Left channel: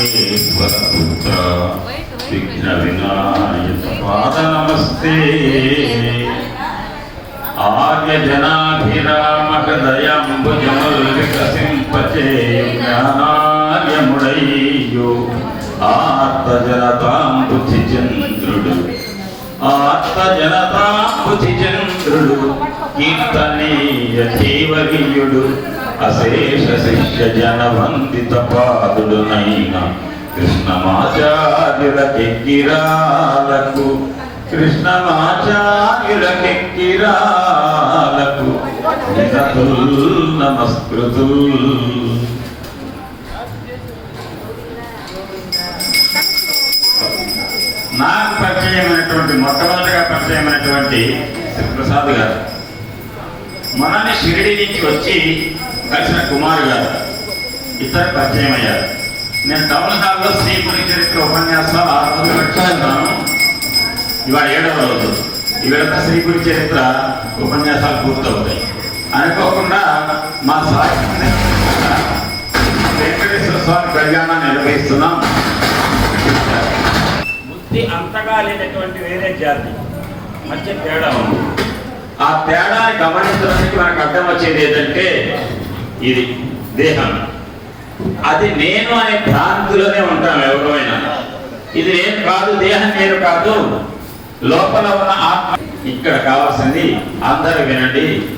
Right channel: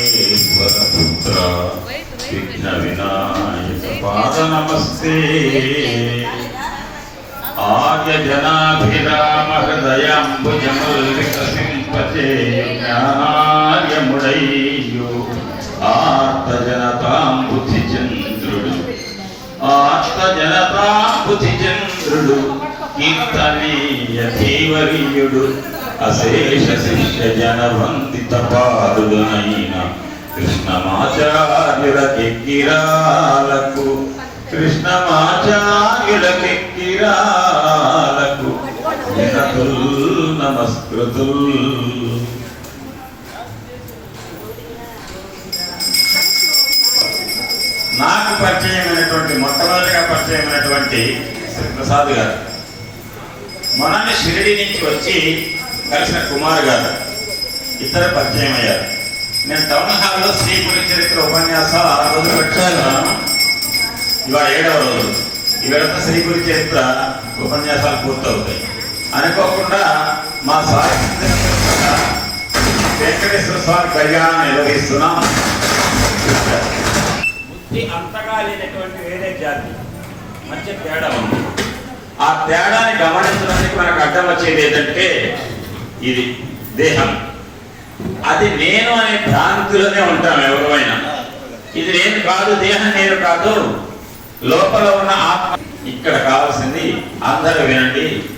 విఘ్నేశ్వర పుత్ర విఘ్న వినాయక పాద నమస్తే ఆర్య జనాభిరామ హృదయంబుజమల్లికసింపచే జ్ఞానార్యముడయ్యో. ఆర్త చంద్రుడు ఆర్త చంద్రుడు కీర్తనీయ జీవవీయుడు అశేష శిష్య జన వందిత పాదుడునైన కృష్ణమాచార్యులకెక్కిరాలకు కృష్ణమాచార్యులకెక్కిరాలకు వినతుల్ నమస్కృతుల్ నాకు పరిచయమైనటువంటి మొట్టమొదటిగా పరిచయమైనటువంటి శ్రీ ప్రసాద్ గారు. మనని షిరిడి నుంచి వచ్చి కలిసిన కుమార్ గారు. ఇద్దరు పరిచయం అయ్యారు నేను టౌన్ హాల్లో శ్రీపురి చరిత్ర ఉపన్యాసాలు ఆరు రోజులు పెట్టుకున్నాను ఇవాళ ఏడవ రోజు. ఇవాళ శ్రీపురి చరిత్ర ఉపన్యాసాలు పూర్తవుతాయి. అనుకోకుండా మా సాయి వెంకటేశ్వర స్వామి కళ్యాణం నిర్వహిస్తున్నాం. బుద్ధి అంతగా లేనటువంటి వేరే జాతి. మధ్య తేడా ఉంది. ఆ తేడాన్ని గమనించడానికి మనకు అర్థం వచ్చేది ఏంటంటే ఇది దేహం. అది నేను అనే భ్రాంతిలోనే ఉంటాం ఎవరైనా ఇది నేను కాదు దేహం నేను కాదు. లోపల ఉన్న ఆత్మ ఇక్కడ కావాల్సింది అందరూ వినండి.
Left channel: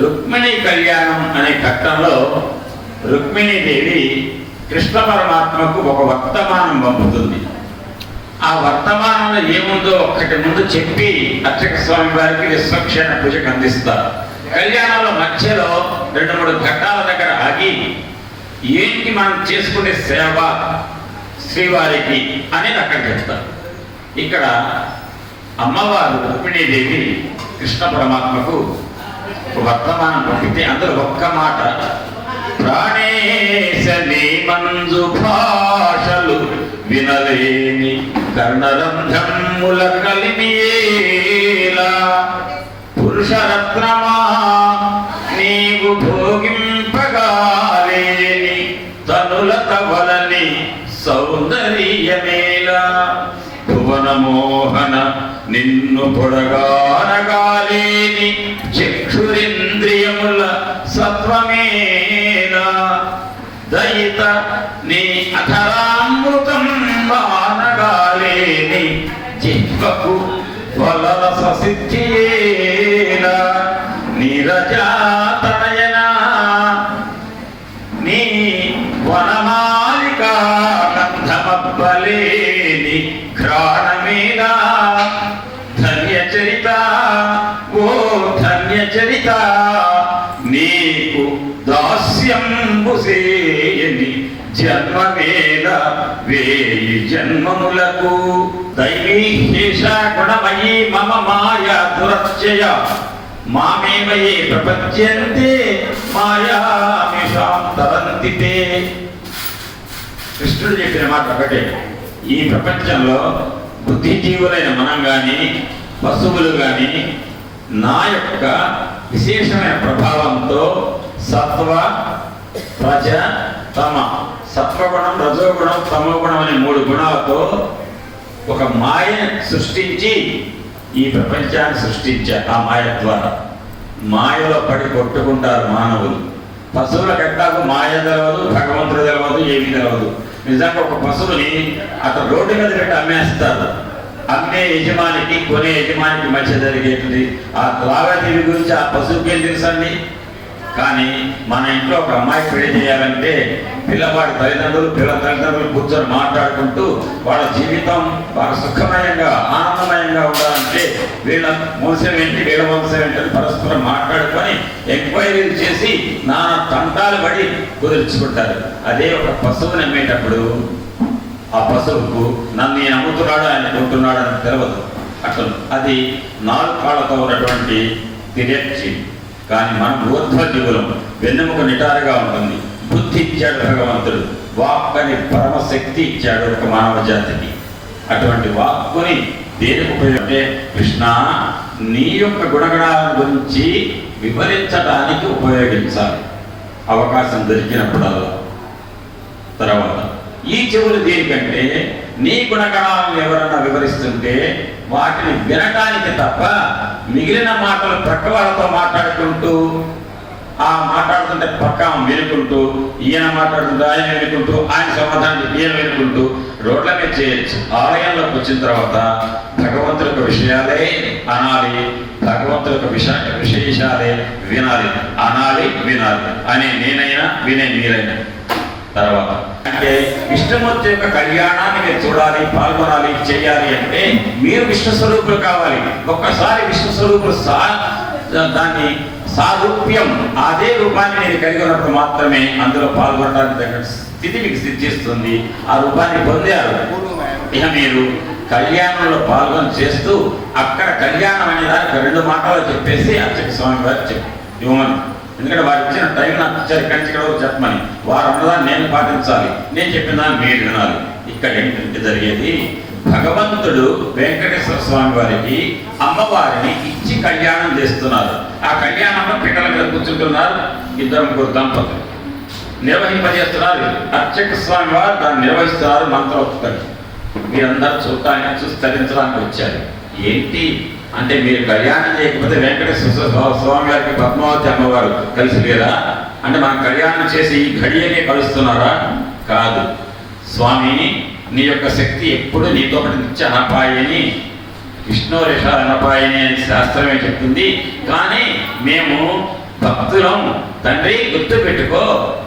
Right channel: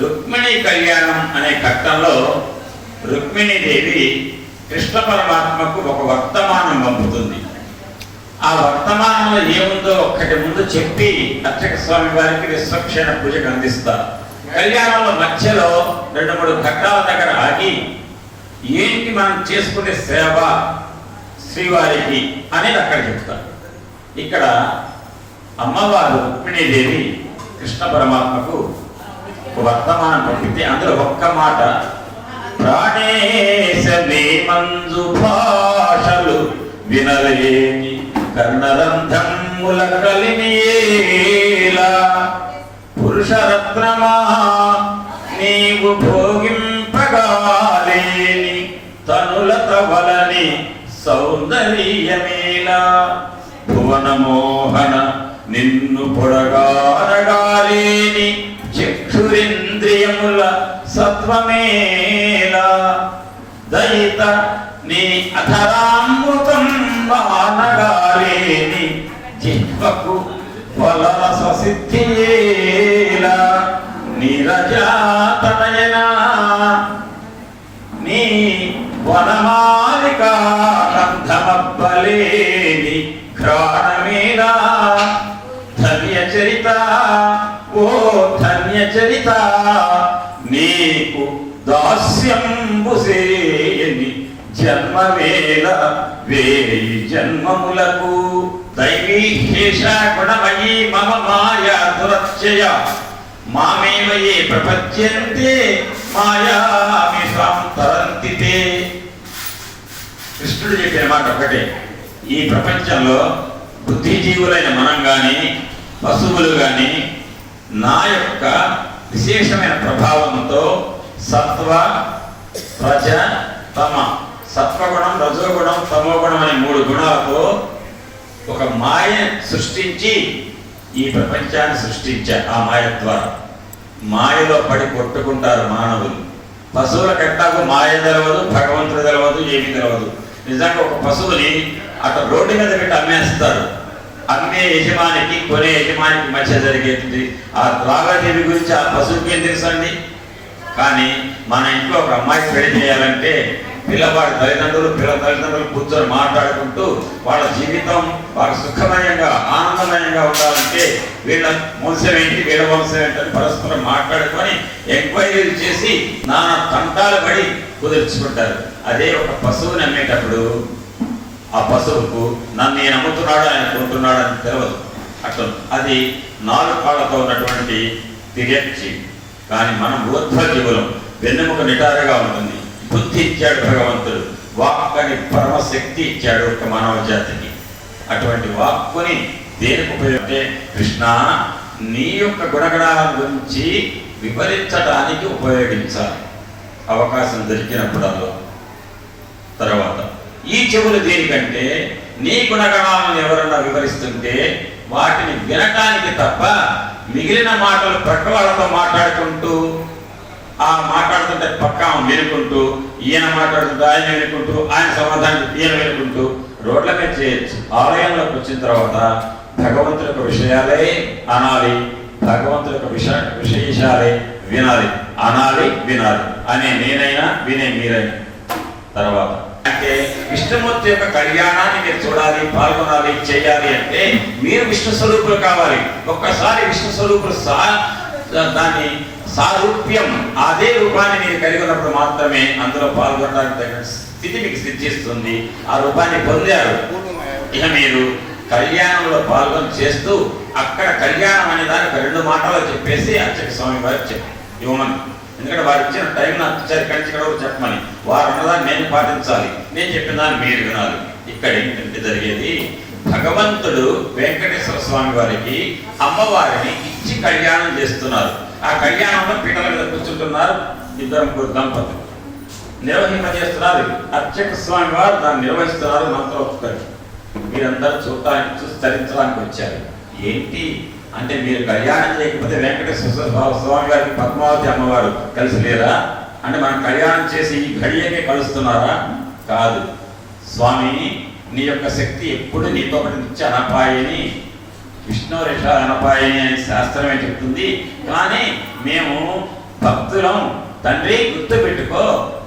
రుక్మిణి కళ్యాణం అనే ఘట్టంలో రుక్మిణీదేవి కృష్ణ పరమాత్మకు ఒక వర్తమానం పంపుతుంది. ఆ వర్తమానంలో ఏముందో ఒక్కటి ముందు చెప్పి అర్చక స్వామి వారికి విశ్వక్షణ పూజకు అందిస్తారు. కళ్యాణంలో మధ్యలో రెండు మూడు ఘట్టాల దగ్గర ఆగి ఏంటి మనం చేసుకునే సేవ శ్రీవారికి అనేది అక్కడ చెప్తారు. ఇక్కడ అమ్మవారు రుక్మిణీదేవి కృష్ణ పరమాత్మకు వర్తమానం పంపితే అందులో ఒక్క మాట ప్రాణేశని మంజు భాషలు వినలేని కర్ణరంధ్రముల కలిమియేలా పురుషరత్నమా భోగింపగాలేని తనులత వలని సౌందర్యమేలా భువన మోహన నిన్ను పొడగారగాలేని చక్షురింద్రియముల సత్వమేలా దయిత నీ అధరామృతం వానగాలేని జిహ్వకు వలన ససిద్ధియే వనమాలికా గంధమబ్బలేని ఘ్రాణమేనా? ధన్య ఓ ధన్యచరిత నీకు దాస్యంబుసేయని జన్మవేల వేయి జన్మములకు. దైవీహేష గుణమయీ మమ మాయ దురత్యయ మామేవ ఏ ప్రపద్యంతే మాయామిషాం తరంతితే. కృష్ణుడు చెప్పిన మాట ఒకటే. ఈ ప్రపంచంలో బుద్ధిజీవులైన మనం కానీ పశువులు కానీ నా యొక్క విశేషమైన ప్రభావంతో సత్వ రజ తమ. సత్వగుణం రజోగుణం తమోగుణం అనే మూడు గుణాలతో ఒక మాయ సృష్టించి ఈ ప్రపంచాన్ని సృష్టించారు ఆ మాయ ద్వారా. మాయలో పడి కొట్టుకుంటారు మానవులు. పశువుల కట్టాకు మాయ తెలవదు భగవంతుడు తెలవదు ఏమీ తెలవదు. నిజంగా ఒక పశువుని అక్కడ రోడ్డు మీద పెట్టి అమ్మేస్తారు. అమ్మే యజమానికి కొనే యజమానికి మధ్య జరిగేది. ఆ లావాదేవీ గురించి ఆ పశువుకి ఏం తెలుసండి? కానీ మన ఇంట్లో ఒక అమ్మాయి పెళ్ళి చేయాలంటే పిల్లవాడి తల్లిదండ్రులు పిల్ల తల్లిదండ్రులు కూర్చొని మాట్లాడుకుంటూ వాళ్ళ జీవితం వాళ్ళ సుఖమయంగా ఆనందమయంగా ఉండాలంటే వీళ్ళ వంశం ఏంటి వీళ్ళ వంశం ఏంటని పరస్పరం మాట్లాడుకొని ఎంక్వైరీలు చేసి నానా తంటాలు పడి కుదుర్చుకుంటారు. అదే ఒక పశువుని అమ్మేటప్పుడు ఆ పశువుకు నన్ను నేను అమ్ముతున్నాడు ఆయన కొంటున్నాడు అని తెలియదు అట్లా అది నాలుగు కాళ్ళతో ఉన్నటువంటి తిరక్షి కానీ మనం ఊర్ధ్వజీవులం వెన్నెముక నిటారుగా ఉంటుంది బుద్ధి ఇచ్చాడు భగవంతుడు వాక్ అని పరమశక్తి ఇచ్చాడు ఒక మానవ జాతికి. అటువంటి వాక్కుని దేనికి ఉపయోగంటే కృష్ణ నీ యొక్క గుణగణాల గురించి వివరించడానికి ఉపయోగించాలి. అవకాశం దొరికినప్పుడల్లా. తర్వాత ఈ చెవులు దేనికంటే నీ గుణగణాలను ఎవరన్నా వివరిస్తుంటే వాటిని వినటానికి తప్ప మిగిలిన మాటలు పక్క వాళ్ళతో మాట్లాడుకుంటూ ఆ మాట్లాడుతుంటే పక్క వినుకుంటూ ఈయన మాట్లాడుతుంటే ఆయన వినుకుంటూ ఆయన సమాధానం ఈయన వినుకుంటూ రోడ్ల మీద చేయొచ్చు. ఆలయంలోకి వచ్చిన తర్వాత భగవంతుల యొక్క విషయాలే అనాలి భగవంతుల యొక్క విష విశేషాలే వినాలి. అనాలి వినాలి. అనే నేనైనా వినే మీరైనా. తర్వాత అంటే విష్ణుమూర్తి యొక్క కళ్యాణాన్ని మీరు చూడాలి పాల్గొనాలి చేయాలి అంటే మీరు విష్ణు స్వరూపులు కావాలి. ఒక్కసారి విష్ణు స్వరూపులు సా దాన్ని సారూప్యం అదే రూపాన్ని నేను కలిగి ఉన్నప్పుడు మాత్రమే అందులో పాల్గొనడానికి స్థితి మీకు సిద్ధిస్తుంది. ఆ రూపాన్ని పొందారు. ఇక మీరు కళ్యాణంలో పాల్గొని చేస్తూ అక్కడ కళ్యాణం అనే దానికి రెండు మాటలు చెప్పేసి అర్చక స్వామి వారు చెప్పి ఇవ్వమని. ఎందుకంటే వారికి ఇచ్చిన టైం నాకు ఇచ్చారు ఇక్కడి నుంచి ఇక్కడ వరకు చెప్పమని. వారు అన్నదాన్ని నేను పాటించాలి. నేను చెప్పిన దాన్ని మీరు వినాలి. ఇక్కడ ఏంటంటే జరిగేది భగవంతుడు వెంకటేశ్వర స్వామి వారికి అమ్మవారిని ఇచ్చి కళ్యాణం చేస్తున్నారు. ఆ కళ్యాణంలో పిట్టల మీద కూర్చుంటున్నారు ఇద్దరు ముగ్గురు దంపతులు నిర్వహింపజేస్తున్నారు అర్చక స్వామి వారు దాన్ని నిర్వహిస్తున్నారు మంత్రోక్తులు మీరందరూ చూడటానికి చూసి తరించడానికి వచ్చారు. ఏంటి? అంటే మీరు కళ్యాణం చేయకపోతే వెంకటేశ్వర స్వామి గారికి పద్మావతి అమ్మవారు కలిసి లేదా? అంటే మనం కళ్యాణం చేసి ఈ ఘడియనే కలుస్తున్నారా? కాదు. స్వామి నీ యొక్క శక్తి ఎప్పుడు నీతో ఒకటి నిత్య అనపాయని విష్ణు రిష అనపాయని అని శాస్త్రమే చెప్తుంది. కానీ మేము భక్తులం తండ్రి గుర్తు పెట్టుకో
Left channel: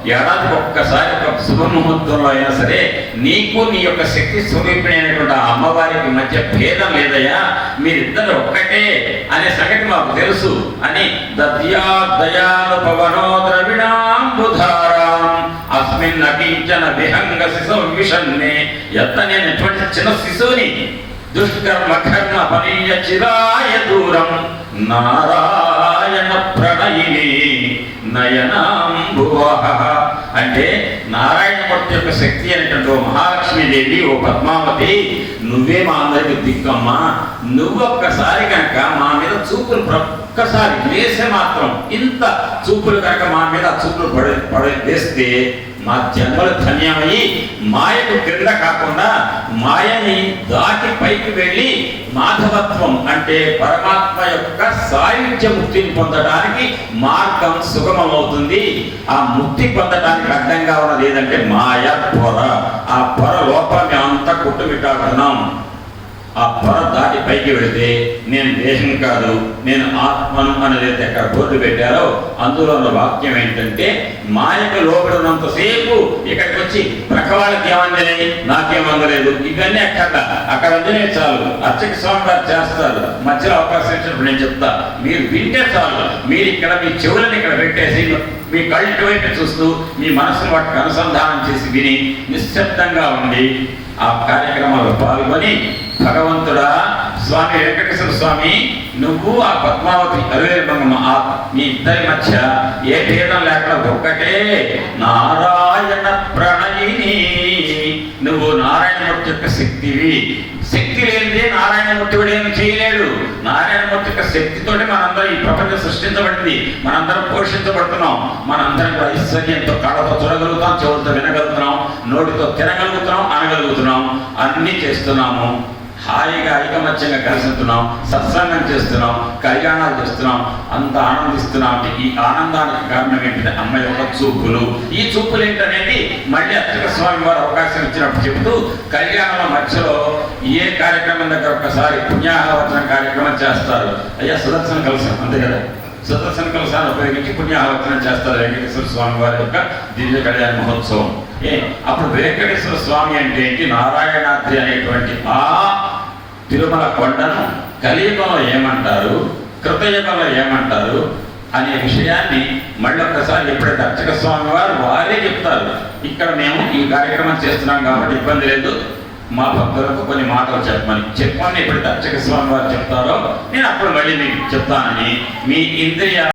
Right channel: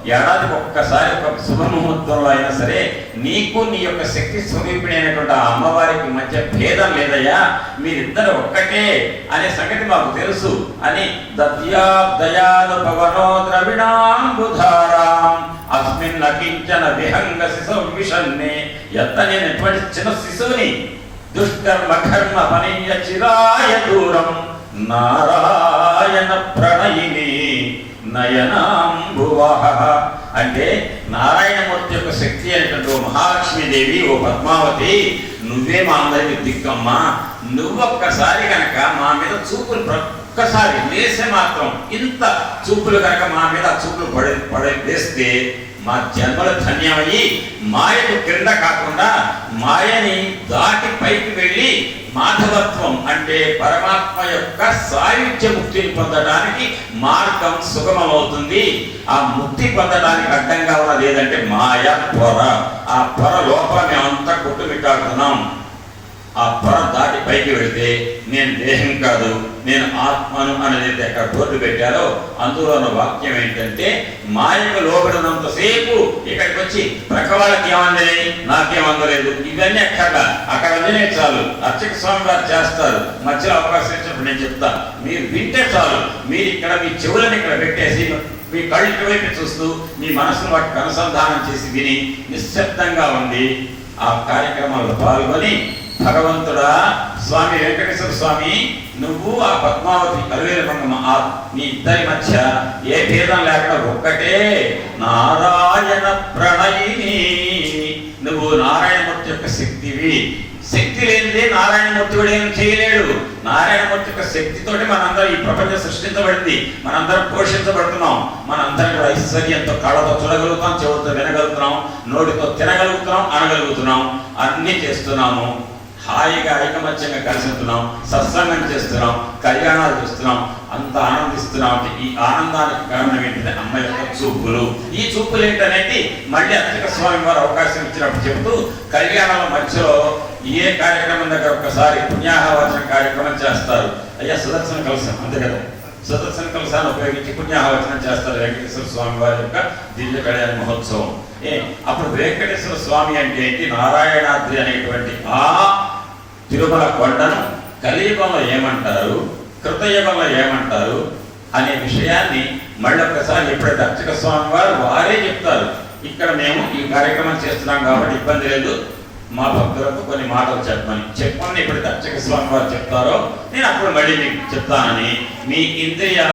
ఏడాదికి ఒక్కసారి ఒక శుభముహూర్తంలో అయినా సరే నీకు నీ యొక్క శక్తి స్వరూపిణి అమ్మవారికి మధ్య భేదం లేదయ్యా. మీరిద్దరు ఒక్కటే అనే సంగతి మాకు తెలుసు అని దద్యా దయాలు పవనో ద్రవిడాంబుధారాం అస్మిన్ అకించన విహంగ శిశు విషన్నే ఎత్త నేను ఎటువంటి చిన్న శిశువుని దుష్కర్మ కర్మ పనీయ చిరాయ దూరం. నారాయణ ప్రణయిని నయనాంబువహ. అంటే నారాయణమూర్తి యొక్క శక్తి అనేటువంటి ఓ మహాలక్ష్మీదేవి ఓ పద్మావతి నువ్వే మా అందరికి దిక్కమ్మా నువ్వొక్కసారి కనుక మా మీద చూపులు ఒక్కసారి వేసే మాత్రం ఇంత చూపులు కనుక మా మీద ఆ చూపులు పడి పడి వేస్తే మా జన్మలు ధన్యమయ్యి మాయకు క్రింద కాకుండా మాయని దాటి పైకి వెళ్ళి మాధవత్వం అంటే పరమాత్మ యొక్క సాయుధ్య ముక్తిని పొందడానికి మార్గం సుగమమవుతుంది. ఆ ముక్తి పొందడానికి అడ్డంగా ఉన్నది ఏదంటే మాయ పొర. ఆ పొర లోపల మేమంతా కుట్టుమిట్టాడుతున్నాం. ఆ పొర దాటి పైకి వెళితే నేను దేహం కాదు నేను ఆత్మను అనేది అక్కడ బోర్డు పెట్టారో అందులో ఉన్న వాక్యం ఏంటంటే మాయకు లోపడినంతసేపు ఇక్కడికి వచ్చి ప్రక్క వాళ్ళకి నాకేమందలేదు. నాకేం అందలేదు ఇవన్నీ అక్కడ అక్కడ అందినే చాలు. అర్చక స్వామి వారు చేస్తారు. మధ్యలో అవకాశం ఇచ్చినప్పుడు నేను చెప్తా. మీరు వింటే చాలు. మీరు ఇక్కడ మీ చెవులను ఇక్కడ పెట్టేసి మీ కళ్ళు వైపు చూస్తూ మీ మనసును వాటికి అనుసంధానం చేసి విని నిశ్శబ్దంగా ఉండి ఆ కార్యక్రమాల్లో పాల్గొని భగవంతుడా స్వామి వెంకటేశ్వర స్వామి నువ్వు ఆ పద్మావతి అరవేరు మంగమ్మ మీ ఇద్దరి మధ్య ఏ భేదం లేకుండా ఒక్కటే నారాయణ ప్రణయిని. నువ్వు నారాయణమూర్తి యొక్క శక్తివి. శక్తి లేనిదే నారాయణమూర్తి కూడా ఏం చేయలేడు. నారాయణమూర్తి యొక్క శక్తితోటి మనందరం ఈ ప్రపంచం సృష్టించబడింది. మనందరం పోషించబడుతున్నాం. మనందరం కూడా ఐశ్వర్యంతో కళ్ళతో చూడగలుగుతాం చెవులతో వినగలుగుతున్నాం నోటితో తినగలుగుతున్నాం అనగలుగుతున్నాం. అన్నీ చేస్తున్నాము. హాయిగా ఐకమత్యంగా కలిసి ఉంటున్నాం సత్సంగం చేస్తున్నాం కళ్యాణాలు చేస్తున్నాం అంత ఆనందిస్తున్నాం అంటే ఈ ఆనందానికి కారణం ఏంటంటే అమ్మ యొక్క చూపులు. ఈ చూపులు ఏంటనేది మళ్ళీ అర్చక స్వామి వారు అవకాశం ఇచ్చినప్పుడు చెబుతూ కళ్యాణాల మధ్యలో ఏ కార్యక్రమం దగ్గర ఒకసారి పుణ్యాహవచన కార్యక్రమం చేస్తారు. అయ్యా సుదర్శన కలసం అంతే కదా? సుదర్శన కలసాన్ని ఉపయోగించి పుణ్యాహవచనం చేస్తారు వెంకటేశ్వర స్వామి వారి యొక్క దివ్య కళ్యాణ మహోత్సవం. అప్పుడు వెంకటేశ్వర స్వామి అంటే ఏంటి? నారాయణాద్రి అనేటువంటి ఆ తిరుమల కొండను కలియుగంలో ఏమంటారు? కృతయుగంలో ఏమంటారు? అనే విషయాన్ని మళ్ళీ ఒకసారి ఎప్పుడైతే అర్చక స్వామి వారు వారే చెప్తారు. ఇక్కడ మేము ఈ కార్యక్రమం చేస్తున్నాం కాబట్టి ఇబ్బంది లేదు. మా భక్తులకు కొన్ని మాటలు చెప్పమని. చెప్పమని ఎప్పుడైతే అర్చక స్వామి వారు చెప్తారో నేను అప్పుడు మళ్ళీ మీకు చెప్తానని. మీ ఇంద్రియ